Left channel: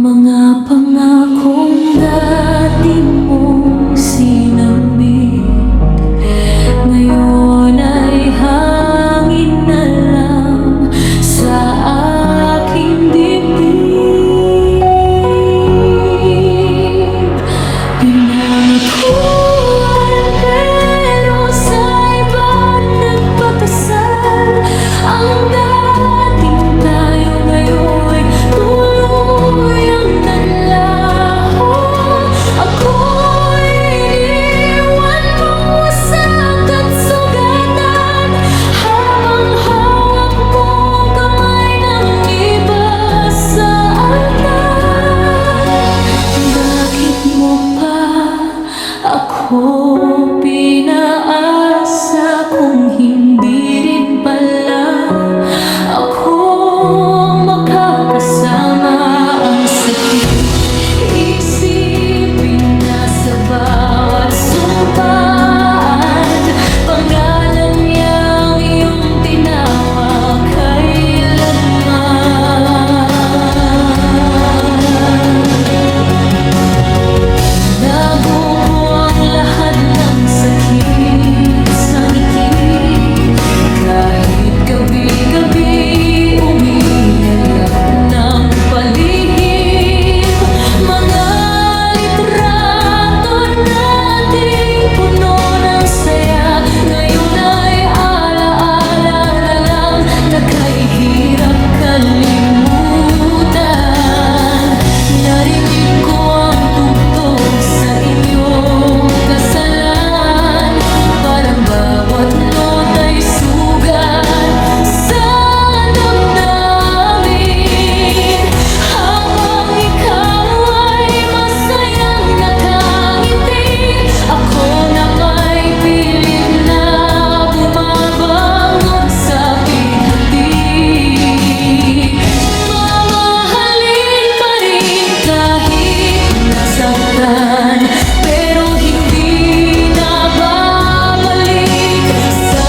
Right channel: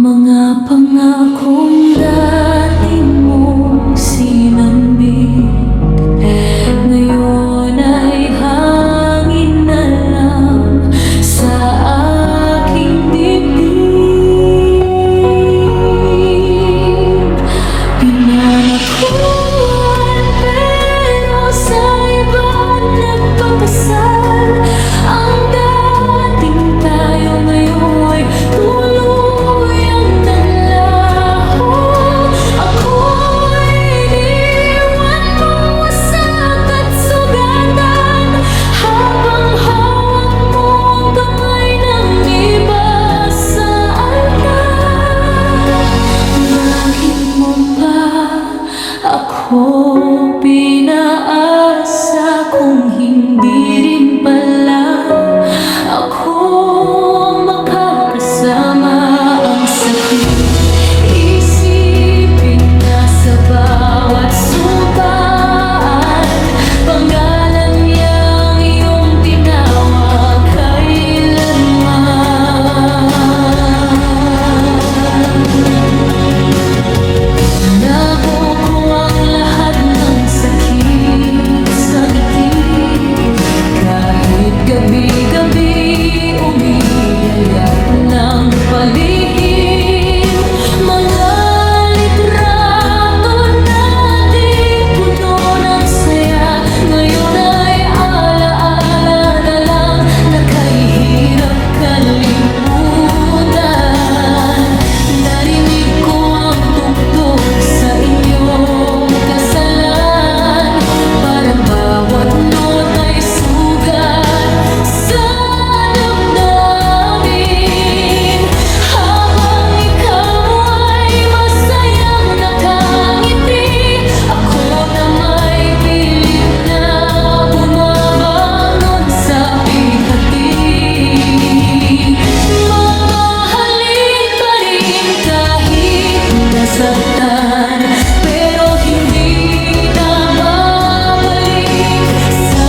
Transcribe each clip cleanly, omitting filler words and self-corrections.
Mga pangakong dati mong sinambit, ngayon ay hangin na lang sa aking dibdib. Pinangakuan pero sa iba nagpakasal. Ang dating tayo ngayon tuluyang naglaho. Ako'y iniwan mong wasak at sugatan, habang hawak mo ang kamay ng iba sa altar. Bakit mo pa ako pinaasa kung hindi rin pala ako ang makakasama? Ang sakit isipin na sa bawat sumpaan, pangalan niyang iyong tinawag kailanman. Nabuko ang lahat ng sakit sa ngiti, kahit gabi-gabi umiiyak ng palihim. Mga litrato nating puno ng saya, ngayon ay alaala na lang, nakahihirap kalimutan. Narinig ko ang tugtog sa inyong kasalan, parang bawat nota'y sugat sa damdamin. Habang ikaw ay masayang nakangiti, ako na may pilit na bumabangon sa pighati. Mamahalin pa rin kahit nasaktan, pero hindi na babalik sa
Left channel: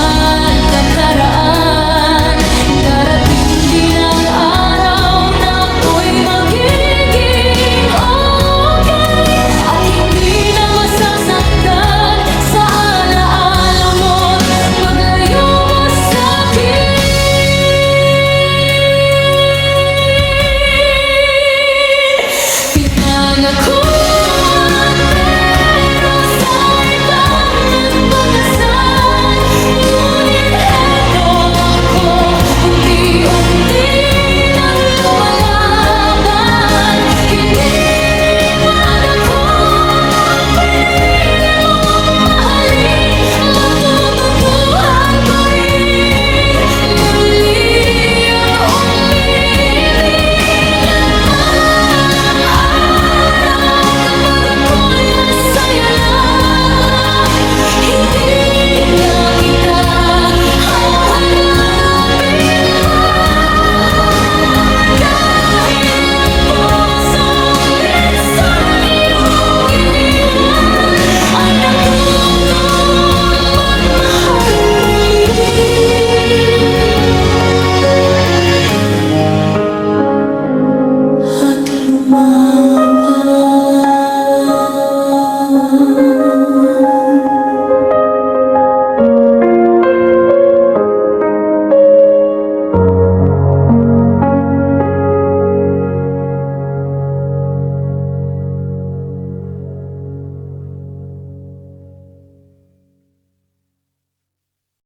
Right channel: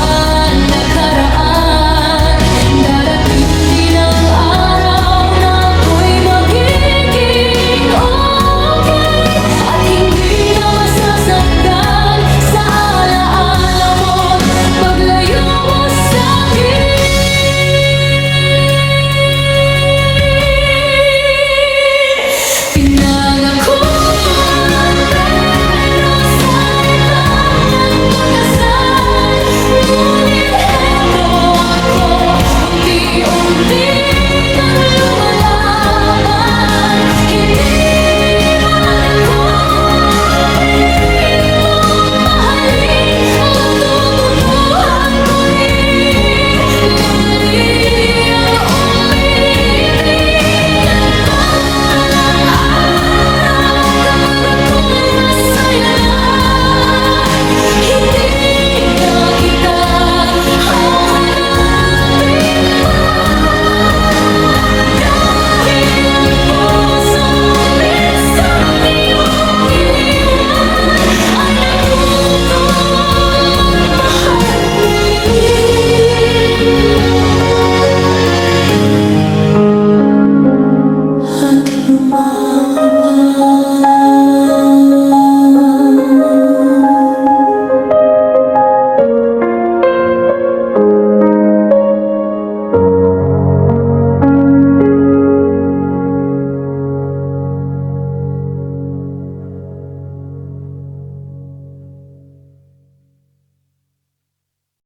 nakaraan. Darating din ang araw na ako'y magiging okay, at hindi na masasaktan sa alaala mo't paglayo mo sa'kin. Pinangakuan pero sa ibang nagpakasal, ngunit heto ako, unti-unti nang lumalaban. Hindi man ako pinili mong mahalin, matututuhan ko rin muli ang umibig at balang araw, kapag ako'y masaya na, hindi na kita hahanapin pa. Dahil ang pusong minsang iyong iniwan ay natutong magmahal muli. At lumang